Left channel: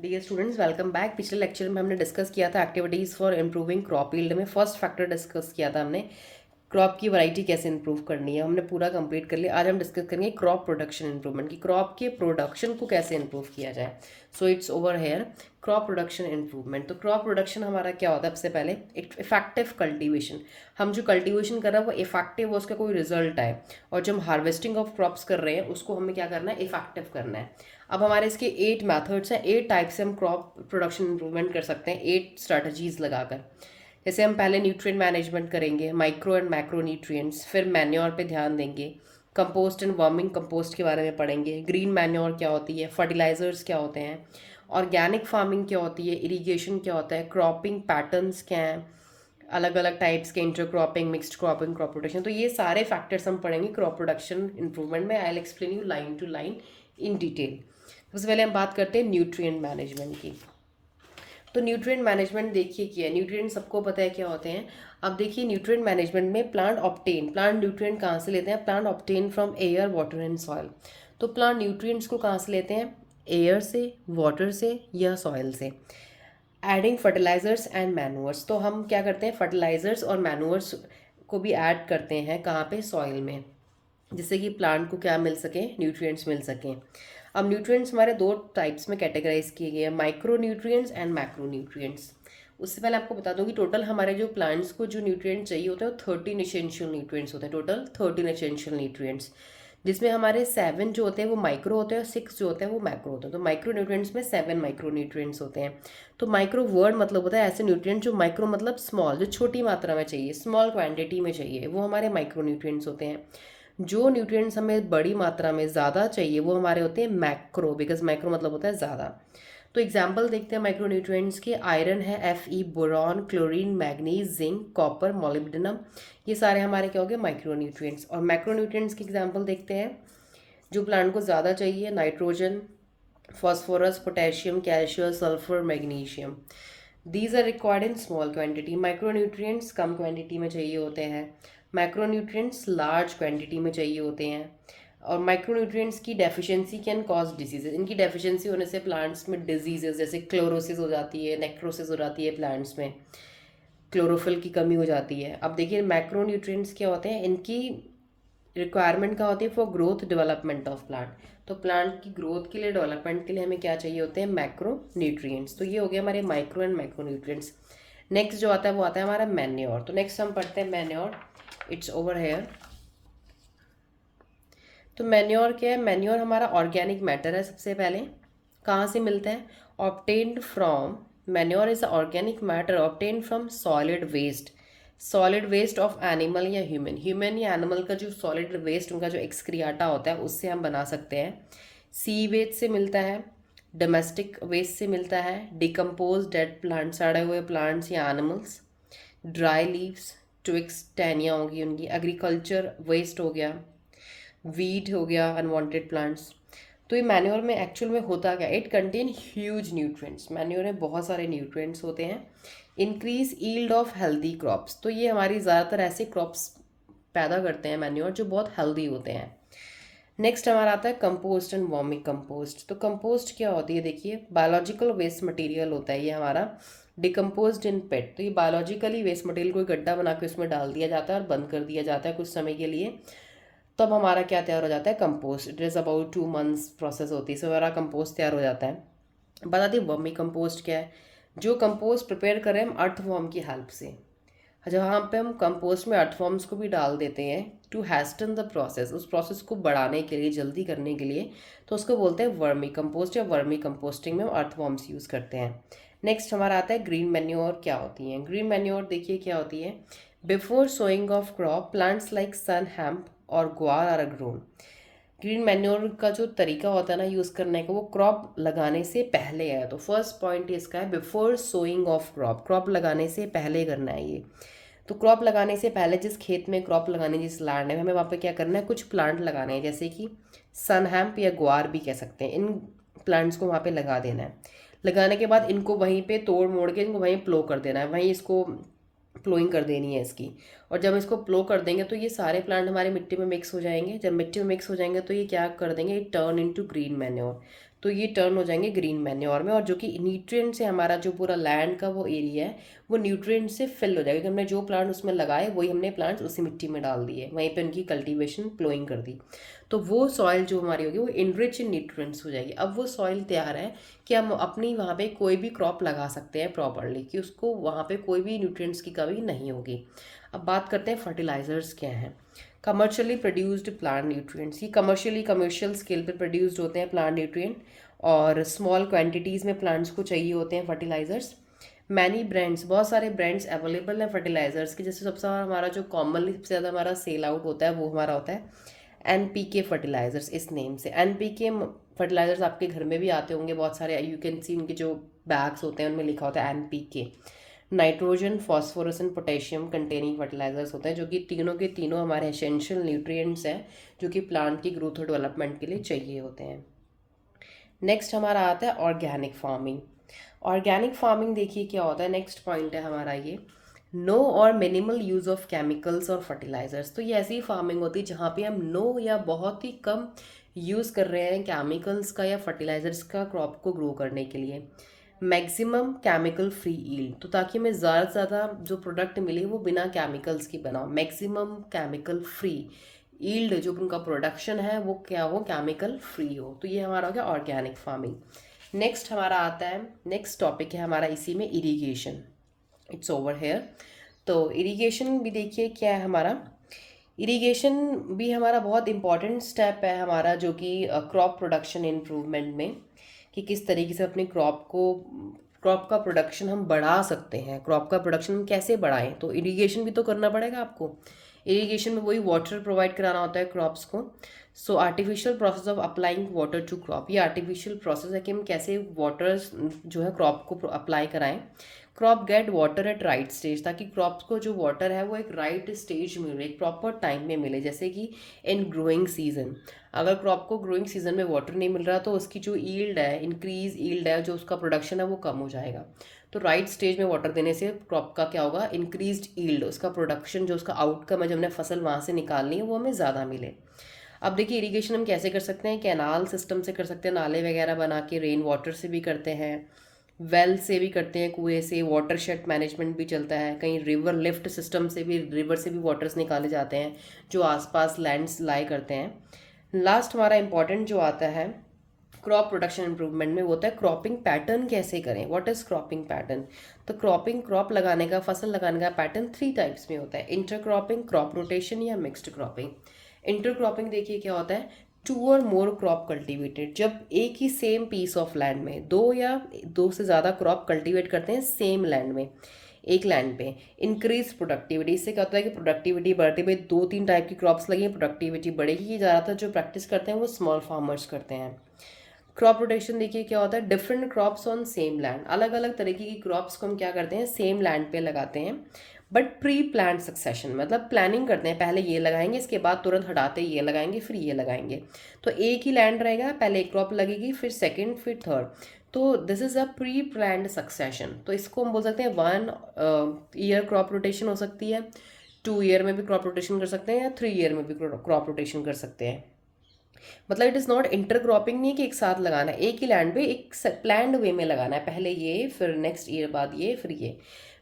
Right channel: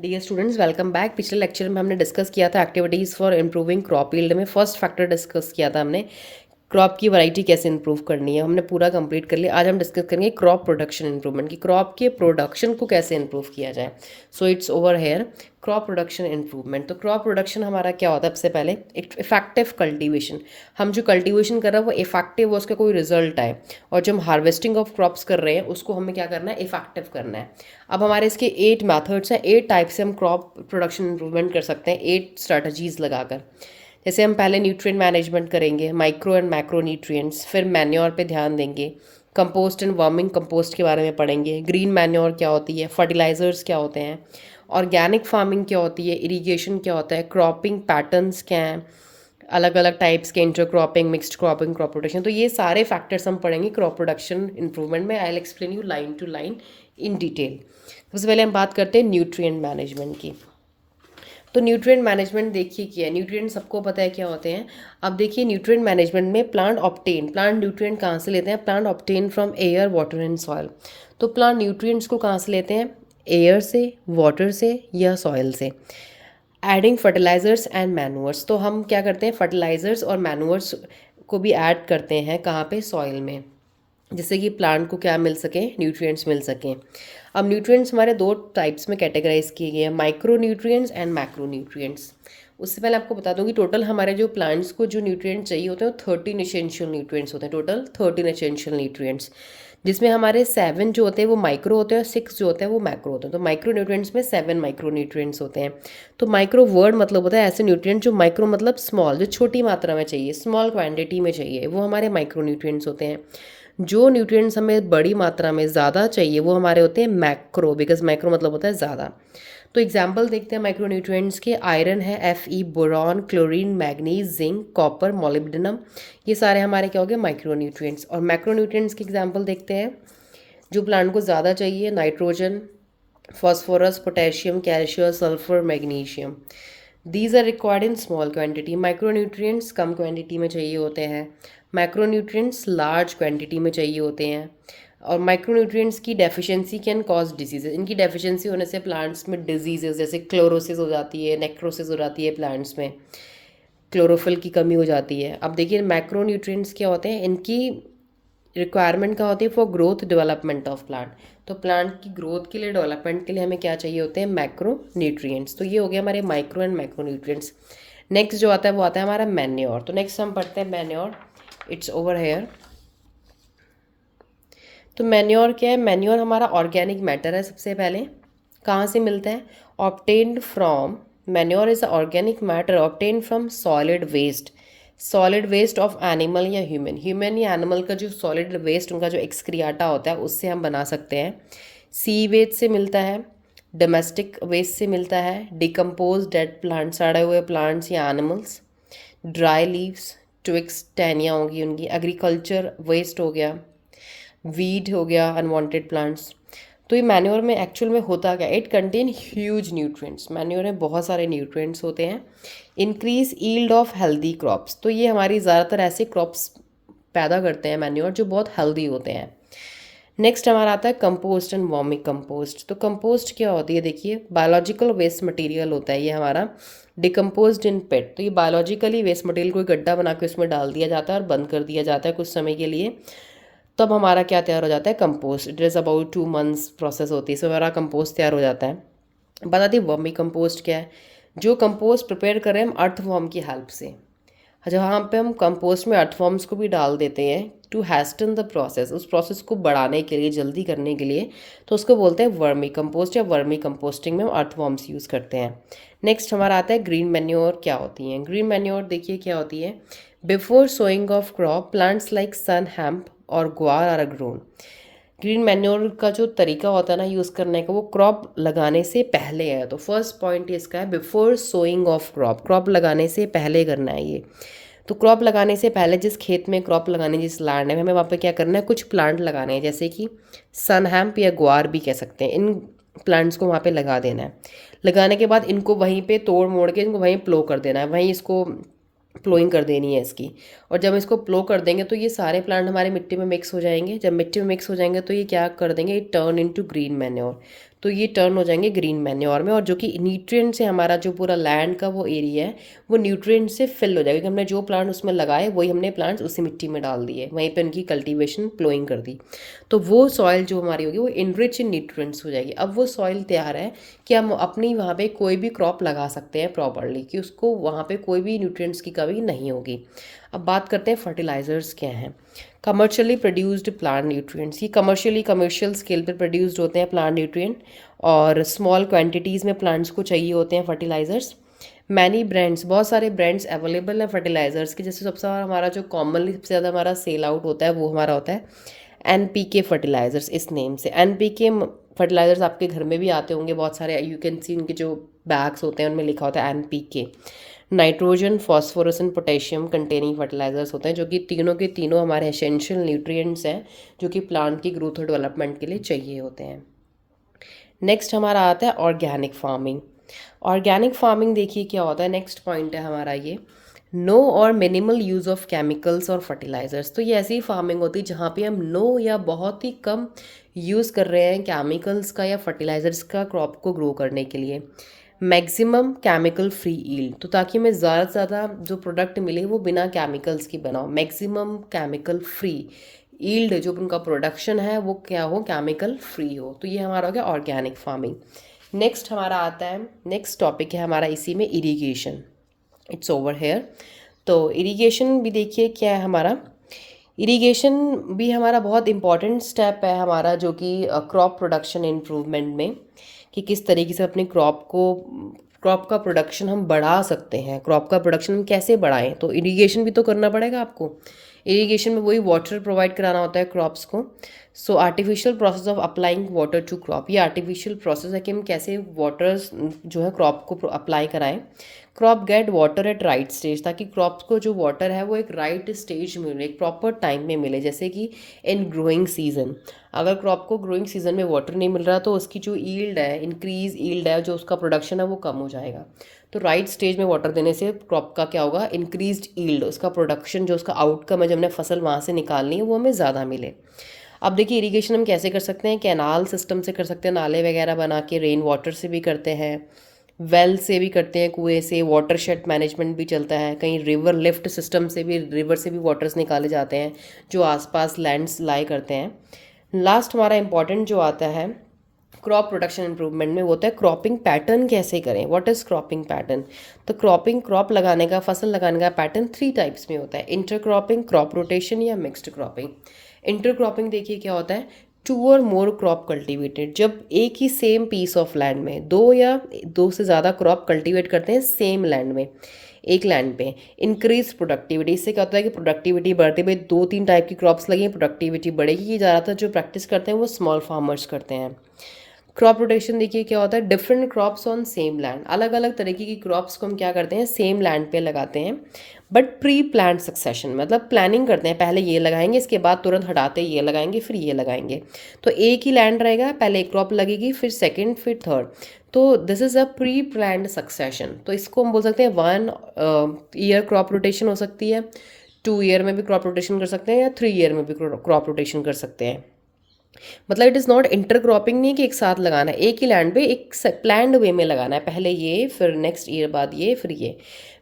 Dear students, welcome back. पिछले lecture में हमने डिस्कस किया था activities for improving crop yield में फर्स्ट फैक्टर डिस्कस किया था हमने, क्रॉप की वैरायटी कैसे इंप्रूव करनी है। हमने पूरा कंप्लीट कर लिया। आज हम डिस्कस करेंगे क्रॉप प्रोडक्शन इंप्रूवमेंट की, क्रॉप के प्रोडक्शन को कैसे इंप्रूव किया जाए। So it's over here crop production improvement. तो क्रॉप प्रोडक्शन हमारा क्या होता है? सबसे पहले एक इफेक्टिव कल्टीवेशन। हम जो कल्टीवेशन कर रहे हैं वो इफेक्टिव, उसका कोई रिजल्ट आए। और जो हम हार्वेस्टिंग ऑफ क्रॉप्स कर रहे हैं उसको हमें क्या करना है? इफेक्टिव करना है। अब हमारे इसके 8 मेथड्स हैं, 8 टाइप से हम क्रॉप प्रोडक्शन इंप्रूवमेंट कर सकते हैं 8 स्ट्रैटेजीज लगाकर। जैसे हम पहले न्यूट्रिएंट मैनेजमेंट करेंगे, माइक्रो एंड मैक्रो न्यूट्रिएंट्स, फिर मैन्योर पे ध्यान देंगे, कंपोस्ट एंड वर्मिंग कंपोस्ट के बारे में पढ़ेंगे, ग्रीन मैन्योर क्या होती है, फर्टिलाइजर्स क्या होते हैं, ऑर्गेनिक फार्मिंग क्या होती है, इरिगेशन क्या होता है, क्रॉपिंग पैटर्न्स क्या हैं, अलग अलग टाइप्स के inter cropping, mixed cropping, crop protection. तो ये सारे फैक्टर्स हम पढ़ेंगे क्रॉप प्रोडक्शन इंप्रूवमेंट में। I will explain you line to line in detail. सबसे पहले हम बात करते हैं न्यूट्रिएंट मैनेजमेंट की। तो न्यूट्रिएंट मैनेजमेंट देखिए क्या है। न्यूट्रिएंट सबको पता है क्या होते हैं। अब देखिए न्यूट्रिएंट मैनेजमेंट में प्लांट न्यूट्रिएंट कहाँ से लेते हैं? Plant obtain from air, water and soil. तो प्लांट न्यूट्रिएंट्स को कहाँ से लेते हैं? एयर से, वाटर से या सॉइल से। Adding fertilisers and manures. तो हम क्या करते हैं? फर्टिलाइजर्स और मैनुअर्स को भी ऐड करते हैं। कहाँ पे? सॉइल में, जिससे कि प्लांट को क्या मिल सके? न्यूट्रिएंट्स मिल सकें। अब न्यूट्रिएंट्स हमारे दो टाइप्स में कैटेगराइज किए गए हैं, micro nutrients and macro nutrients. उससे पहले आपको बता दूं कि टोटल हमारे जो प्लांट्स को जो न्यूट्रिएंट्स चाहिए होते हैं वो 13 एसेंशियल न्यूट्रिएंट्स होते हैं। टोटल 13 एसेंशियल न्यूट्रिएंट्स, जिसमें हमारे 7 जो होते हैं वो माइक्रो होते हैं और 6 जो होते हैं वो मैक्रो होते हैं। तो माइक्रो न्यूट्रिएंट्स में 7 माइक्रो न्यूट्रिएंट्स होते हैं। तो माइक्रो वर्ड मतलब होता है ऐसे न्यूट्रिएंट्स जो माइक्रो मतलब स्मॉल, जो छोटी मात्रा में चाहिए, स्मॉल क्वांटिटी में चाहिए, वो हमारे माइक्रो न्यूट्रिएंट्स होते हैं। जो न्यूट्रिएंट्स हमें बड़ी मात्रा में ज़्यादा चाहिए वो हमारे होते हैं मैक्रो, बिकॉज मैक्रो मतलब होता है ज़्यादा। तो एग्जाम्पल देखते हैं माइक्रो न्यूट्रिएंट्स के। आयरन है, Fe, boron, chlorine, manganese, zinc, copper, molybdenum. ये सारे हमारे क्या हो गए? Micro nutrients. और मैक्रो न्यूट्रिएंट्स के एग्जाम्पल देखते हैं जो प्लांट को ज़्यादा चाहिए। Nitrogen, phosphorus, potassium, calcium, sulphur, magnesium. These are required in small quantity. Micronutrients कम क्वांटिटी में चाहिए होते हैं, मैक्रोन्यूट्रिएंट्स लार्ज क्वांटिटी में चाहिए होते हैं। और माइक्रोन्यूट्रिएंट्स की डेफिशिएंसी कैन कॉज डिजीजेज। इनकी डेफिशिएंसी होने से प्लांट्स में डिजीजेज जैसे क्लोरोसिस हो जाती है, नेक्रोसिस हो जाती है, प्लांट्स में क्लोरोफिल की कमी हो जाती है। अब देखिए मैक्रोन्यूट्रिएंट्स क्या होते हैं, इनकी रिक्वायरमेंट क्या होती है? For growth development of plant. तो प्लांट की ग्रोथ के लिए, डेवलपमेंट के लिए हमें क्या चाहिए होते हैं? Macro nutrients. तो ये हो गया हमारे micro and macro nutrients. Next जो आता है वो आता है हमारा मैन्योर। तो नेक्स्ट हम पढ़ते हैं मैन्योर। It's over here. तो मैन्योर क्या है? मैन्योर हमारा ऑर्गेनिक मैटर है। सबसे पहले कहाँ से मिलता है? Obtained from, manure is a organic matter obtained from solid waste. Solid waste of animal या ह्यूमन, ह्यूमन या एनिमल का जो सॉलिड वेस्ट, उनका जो एक्सक्रियाटा होता है, उससे हम बना सकते हैं। सी वेस्ट से मिलता है, डोमेस्टिक वेस्ट से मिलता है, डिकम्पोज डेड प्लांट, सड़े हुए प्लांट्स या एनिमल्स, ड्राई लीव्स, ट्विक्स, टहनियाँ होंगी उनकी, एग्रीकल्चर वेस्ट हो गया, वीड हो गया, अनवांटेड प्लांट्स। तो ये मैन्योर में एक्चुअल में होता क्या? It contain huge nutrients. Manure में बहुत सारे न्यूट्रिएंट्स होते हैं। Increase yield of healthy crops. तो ये हमारी ज़्यादातर ऐसे क्रॉप्स पैदा करते हैं मैन्योर जो बहुत हेल्दी होते हैं। नेक्स्ट हमारा आता है कंपोस्ट एंड वर्मी कंपोस्ट। तो कंपोस्ट क्या होती है? देखिए बायोलॉजिकल वेस्ट मटेरियल होता है ये हमारा, डिकम्पोज्ड इन पेट। तो ये बायोलॉजिकली वेस्ट मटेरियल को गड्ढा बना के उसमें डाल दिया जाता है और बंद कर दिया जाता है कुछ समय के लिए। तब हमारा क्या तैयार हो जाता है? Compost. It is about 2 months process होती है, इसमें हमारा कंपोस्ट तैयार हो जाता है। बता दी वर्मी कंपोस्ट क्या है? जो कंपोस्ट प्रिपेयर करें हम अर्थवॉर्म की हेल्प से। जहाँ पे हम कंपोस्ट में अर्थवॉर्म्स को भी डाल देते हैं टू हैस्टन द प्रोसेस, उस प्रोसेस को बढ़ाने के लिए, जल्दी करने के लिए, तो उसको बोलते हैं वर्मी कंपोस्ट या वर्मी कंपोस्टिंग में हम अर्थवॉर्म्स यूज़ करते हैं। नेक्स्ट हमारा आता है ग्रीन मैन्योर। क्या होती हैं ग्रीन मैन्योर? देखिए क्या होती है। Before sowing of crop plants like sun, hemp और ग्वार आर ग्रोन। ग्रीन मैन्योर का जो तरीका होता है ना यूज़ करने का, वो क्रॉप लगाने से पहले है। तो फर्स्ट पॉइंट इसका है before sowing of crop, crop लगाने से पहले करना है ये। तो क्रॉप लगाने से पहले जिस खेत में क्रॉप लगाने, जिस लैंड है, हमें वहाँ पे क्या करना है? कुछ प्लांट लगाने हैं, जैसे कि सन हैम्प या ग्वार भी कह सकते हैं। इन प्लांट्स को वहाँ पे लगा देना है। लगाने के बाद इनको वहीं पे तोड़ मोड़ के इनको वहीं प्लो कर देना है, वहीं इसको प्लोइंग कर देनी है इसकी। और जब इसको प्लो कर देंगे तो ये सारे प्लांट हमारे मिट्टी में मिक्स हो जाएंगे। जब मिट्टी में मिक्स हो जाएंगे तो ये क्या कर देंगे? Turn into green manure. तो ये टर्न हो जाएंगे ग्रीन मैन्योर में, और जो कि न्यूट्रिएंट से हमारा जो पूरा लैंड का वो एरिया है वो न्यूट्रिएंट से फिल हो जाएगा, क्योंकि हमने जो प्लांट उसमें लगाए वही हमने प्लांट्स उसी मिट्टी में डाल दिए, वहीं पे उनकी कल्टीवेशन प्लोइंग कर दी। तो वो सॉइल जो हमारी होगी वो इनरिच इन न्यूट्रिएंट्स हो जाएगी। अब वो सॉइल तैयार है कि हम अपनी वहाँ पे कोई भी क्रॉप लगा सकते हैं प्रॉपरली, कि उसको वहाँ पे कोई भी न्यूट्रिएंट्स की कमी नहीं होगी। अब बात करते हैं फर्टिलाइजर्स क्या हैं। कमर्शियली प्रोड्यूस्ड प्लांट न्यूट्रिएंट्स, ये कमर्शियल स्केल पर प्रोड्यूस्ड होते हैं प्लांट न्यूट्रिएंट, और स्मॉल क्वांटिटीज़ में प्लांट्स को चाहिए होते हैं फर्टिलाइज़र्स। मैनी ब्रांड्स, बहुत सारे ब्रांड्स अवेलेबल हैं फर्टिलाइज़र्स के, जैसे सबसे हमारा जो कॉमनली सबसे ज़्यादा हमारा सेल आउट होता है वो हमारा होता है NPK फर्टिलाइज़र्स, इस नेम से। NPK फर्टिलाइज़र्स आपके घर में भी आते होंगे बहुत सारे, यू कैन सी उनके जो बैग्स होते हैं उनमें लिखा होता है NPK। Nitrogen, phosphorus and potassium containing fertilisers होते हैं, जो कि तीनों के तीनों हमारे एसेंशियल न्यूट्रिएंट्स हैं जो कि प्लांट की ग्रोथ और डेवलपमेंट के लिए चाहिए होते हैं। नेक्स्ट हमारा आता है ऑर्गेनिक फार्मिंग। ऑर्गेनिक फार्मिंग देखिए क्या होता है, नेक्स्ट पॉइंट है हमारा ये, नो और मिनिमल यूज़ ऑफ केमिकल्स और फर्टिलाइज़र्स। तो ये ऐसी फार्मिंग होती है जहाँ पे हम नो या बहुत ही कम यूज़ कर रहे हैं केमिकल्स का या फर्टिलाइज़र्स का क्रॉप को ग्रो करने के लिए। मैक्सिमम केमिकल फ्री ईल्ड, तो ताकि हमें ज़्यादा से ज़्यादा जो प्रोडक्ट मिले वो बिना केमिकल्स की बना हो। मैक्सिमम केमिकल फ्री ईल्ड, जो उनका प्रोडक्शन है वो क्या हो, केमिकल फ्री हो। तो ये हमारा हो गया ऑर्गेनिक फार्मिंग। नेक्स्ट हमारा आता है, नेक्स्ट टॉपिक है हमारा इसी में इरीगेशन। It's over here. तो इरीगेशन भी देखिए क्या है हमारा, इरीगेशन भी हमारा बहुत इंपॉर्टेंट स्टेप है हमारा, जो कि क्रॉप प्रोडक्शन इम्प्रूवमेंट में, कि किस तरीके से अपने क्रॉप का प्रोडक्शन हम बढ़ा सकते हैं। क्रॉप का प्रोडक्शन हम कैसे बढ़ाएं, तो इरीगेशन भी तो करना पड़ेगा आपको। इरीगेशन में वही वाटर प्रोवाइड कराना होता है क्रॉप्स को। So artificial process of applying water to crop, ये आर्टिफिशियल प्रोसेस है कि हम कैसे वाटर्स जो है क्रॉप को अप्लाई कराएं। Crop get water at right stage, ताकि क्रॉप को जो वाटर है वो एक राइट स्टेज में मिले, एक प्रॉपर टाइम में मिले। जैसे कि इन ग्रोइंग सीजन, अगर क्रॉप को ग्रोइंग सीजन में वाटर नहीं मिल रहा तो उसकी जो ईल्ड है, इंक्रीज ईल्ड है, जो उसका प्रोडक्शन है वो कम हो जाएगा। तो राइट स्टेज में वाटर देने से क्रॉप का क्या होगा, इंक्रीज्ड ईल्ड, उसका प्रोडक्शन जो उसका आउटकम है जब हमने फसल वहाँ से निकालनी है वो हमें ज़्यादा मिले। अब देखिए इरीगेशन हम कैसे कर सकते हैं, कैनाल सिस्टम से कर सकते हैं, नाले वगैरह बना के, रेन वाटर से भी करते हैं, वेल से भी करते हैं, कुएं से, वाटर शेड मैनेजमेंट भी चलता है, कहीं रिवर लिफ्ट सिस्टम से भी, रिवर से भी वाटर्स निकाले जाते हैं जो आसपास लैंड्स लाई करते हैं। लास्ट हमारा इंपॉर्टेंट जो आता है क्रॉप प्रोडक्शन इंप्रूवमेंट में, वो होता है क्रॉपिंग पैटर्न कैसे करें। व्हाट इज़ क्रॉपिंग पैटर्न, तो क्रॉप लगाने का, फसल लगाने का पैटर्न 3 टाइप्स में होता है, इंटर क्रॉपिंग, क्रॉप रोटेशन या मिक्स्ड क्रॉपिंग। इंटर क्रॉपिंग देखिए क्या होता है, 2 और मोर क्रॉप कल्टीवेटेड, जब एक ही सेम पीस ऑफ लैंड में 2 या 2 से ज़्यादा क्रॉप कल्टीवेट करते हैं सेम लैंड में, एक लैंड पे। इंक्रीज प्रोडक्टिविटी, इससे क्या होता है कि प्रोडक्टिविटी बढ़ती है, 2-3 टाइप की क्रॉप्स लगी, प्रोडक्टिविटी बढ़ेगी। ये ज़्यादातर जो प्रैक्टिस करते हैं वो स्मॉल फार्मर्स करते हैं। क्रॉप रोटेशन देखिए क्या होता है, different crops on same land, अलग अलग तरीके की क्रॉप्स को हम क्या करते हैं सेम लैंड पे लगाते हैं, बट प्री प्लान सक्सेशन, मतलब प्लानिंग करते हैं, पहले ये लगाएंगे, इसके बाद तुरंत हटाते ये लगाएंगे, फिर ये लगाएंगे। तो एक ही लैंड रहेगा, पहले एक क्रॉप लगेगी, फिर सेकंड, फिर थर्ड। तो this is a pre planned succession. तो इसको हम बोल सकते हैं 1 ईयर क्रॉप रोटेशन हो सकती है, 2 ईयर में भी क्रॉप रोटेशन कर सकते हैं, या 3 ईयर में भी क्रॉप रोटेशन कर सकते हैं। मतलब it is not inter cropping, नहीं कि एक साथ लगाना है, एक ही लैंड पे एक प्लान्ड वे में लगाना है, पहले ये, फिर नेक्स्ट ईयर बाद ये, फिर ये।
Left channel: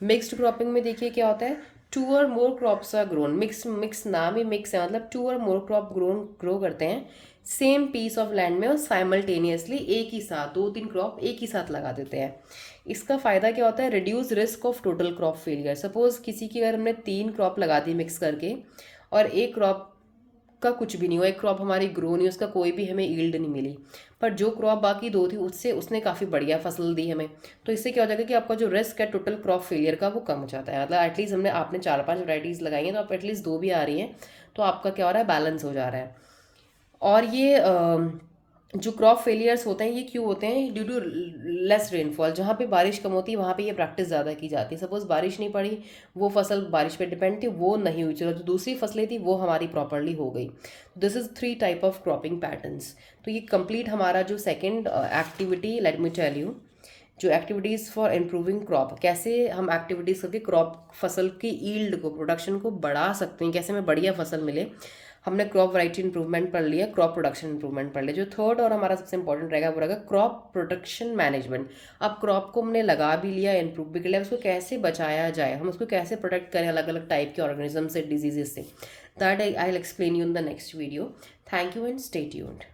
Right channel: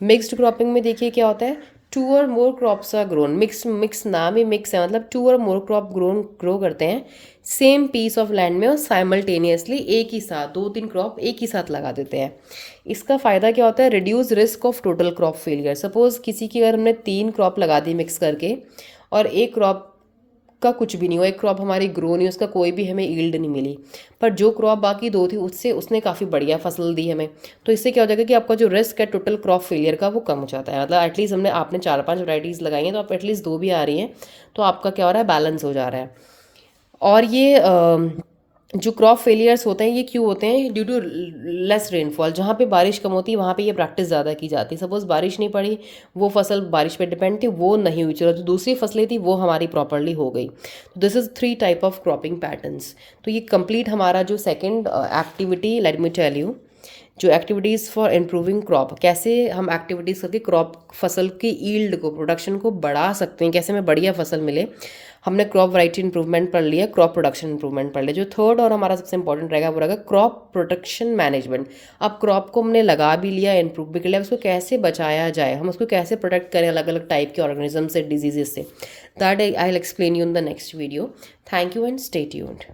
मिक्स्ड क्रॉपिंग में देखिए क्या होता है, 2 और more crops are grown, mix नाम ही मिक्स है, मतलब 2 और मोर क्रॉप ग्रो करते हैं सेम पीस ऑफ लैंड में, और साइमल्टेनियसली एक ही साथ 2-3 क्रॉप एक ही साथ लगा देते हैं। इसका फ़ायदा क्या होता है, reduce risk of total crop failure. Suppose किसी की अगर हमने 3 क्रॉप लगा दी मिक्स करके, और एक क्रॉप का कुछ भी नहीं हुआ, एक क्रॉप हमारी ग्रो नहीं, उसका कोई भी हमें ईल्ड नहीं मिली, पर जो क्रॉप बाकी 2 थी उससे उसने काफ़ी बढ़िया फसल दी हमें। तो इससे क्या हो जाएगा कि आपका जो रिस्क है टोटल क्रॉप फेलियर का वो कम हो जाता है। मतलब एटलीस्ट आपने 4-5 वैराइटीज़ लगाई हैं, तो आप एटलीस्ट 2 भी आ रही हैं, तो आपका क्या हो रहा है, बैलेंस हो जा रहा है। और ये जो क्रॉप फेलियर्स होते हैं ये क्यों होते हैं, ड्यू टू लेस रेनफॉल। जहाँ पे बारिश कम होती है वहाँ पे ये प्रैक्टिस ज़्यादा की जाती है। सपोज़ बारिश नहीं पड़ी, वो फसल बारिश पे डिपेंड थी, वो नहीं हुई, चलो जो दूसरी फसलें थी वो हमारी प्रॉपरली हो गई। तो this is 3 type of cropping patterns. तो ये कंप्लीट हमारा जो second activity, let me tell you, जो एक्टिविटीज़ फॉर इम्प्रूविंग क्रॉप, कैसे हम एक्टिविटीज़ करके क्रॉप फसल की ईल्ड को, प्रोडक्शन को बढ़ा सकते हैं, कैसे हमें बढ़िया फसल मिले। हमने क्रॉप वैरायटी इंप्रूवमेंट पढ़ लिया, क्रॉप प्रोडक्शन इंप्रूवमेंट पढ़ लिया। जो थर्ड और हमारा सबसे इंपॉर्टेंट रहेगा वो रहेगा क्रॉप प्रोटेक्शन मैनेजमेंट। अब क्रॉप को हमने लगा भी लिया, इंप्रूव भी कर लिया, उसको कैसे बचाया जाए, हम उसको कैसे प्रोटेक्ट करें अलग अलग टाइप के ऑर्गेनिज्म से, डिजीजेस से। That I will explain you in the next video. Thank you and stay tuned.